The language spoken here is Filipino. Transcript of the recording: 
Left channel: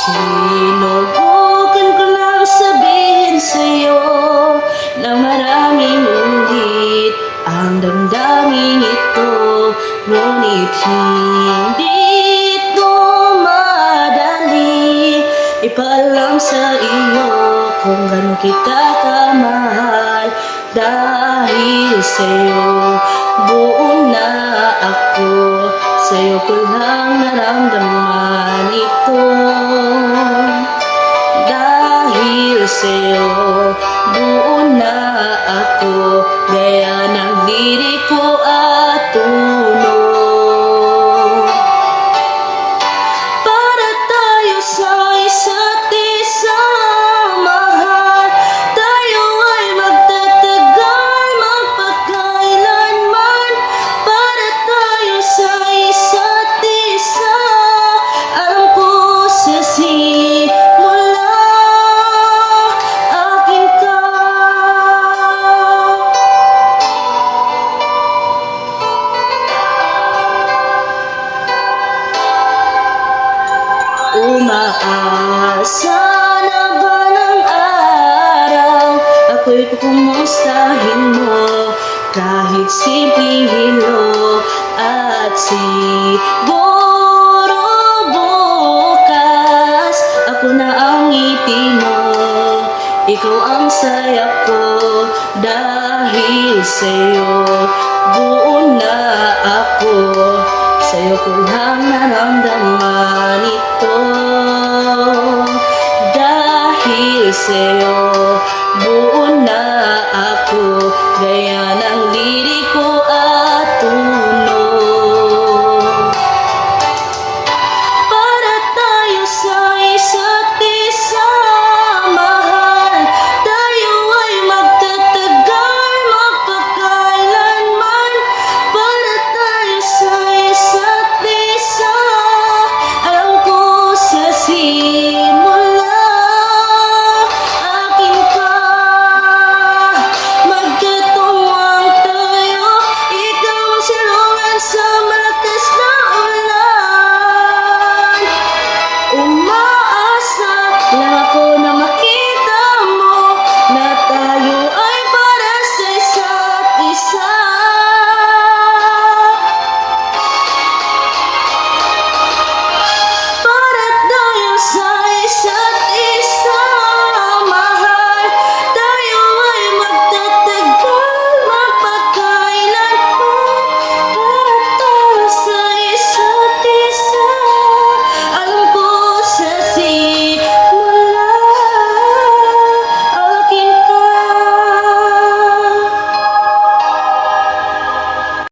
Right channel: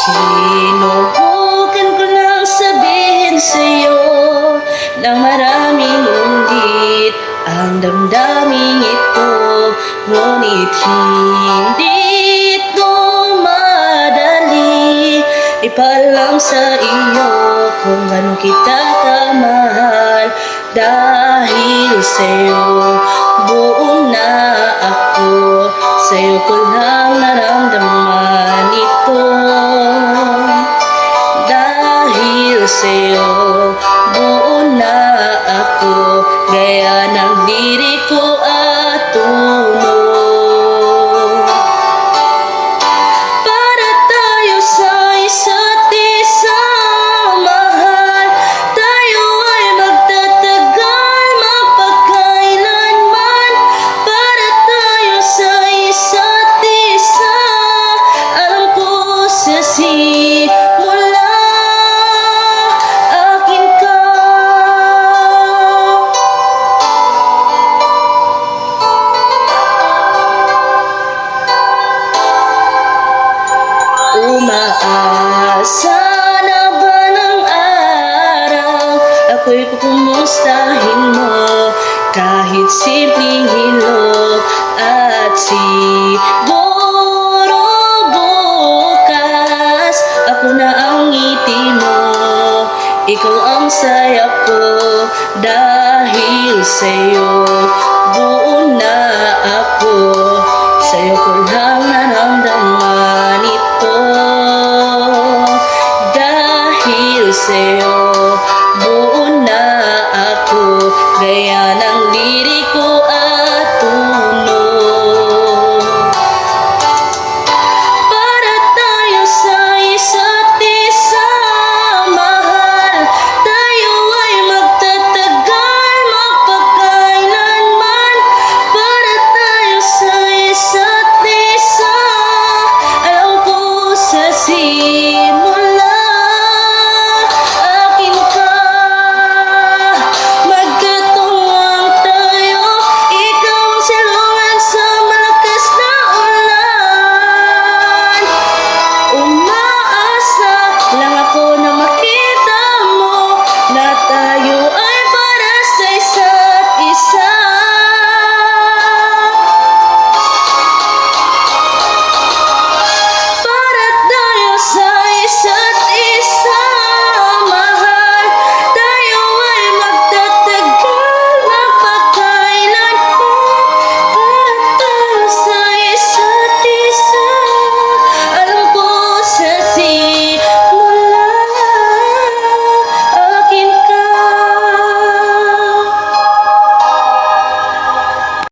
Sinubukan ko nang sabihin sa'yo na maraming ulit ang damdaming ito, ngunit hindi ito madali ipaalam sa iyo kung gaano kita kamahal. Dahil sa'yo buo na ako, sa'yo ko lang naramdaman ito. Dahil sa'yo buo na ako, gaya ng liriko at tunog. Para tayo sa isa't isa, mahal, tayo ay magtatagal magpakailanman. Para tayo sa isa't isa, alam ko sa simula akin ka. Umaasa na ba ng araw ako'y kukumustahin mo, kahit simpleng hilo, at siguro bukas ako na ang ngiti mo, ikaw ang saya ko. Dahil sa'yo buo na ako, sa'yo ko lang naramdaman ito. Dahil sa'yo buo na ako, gaya ng liriko at tunog. Para tayo sa isa't isa, mahal, tayo ay magtatagal magpakailanman. Para tayo sa isa't isa, alam ko sa simula akin ka. Magkatuwang tayo, ikaw ang silungan sa malakas na ulan. Umaasa lang ako na makita mo na tayo ay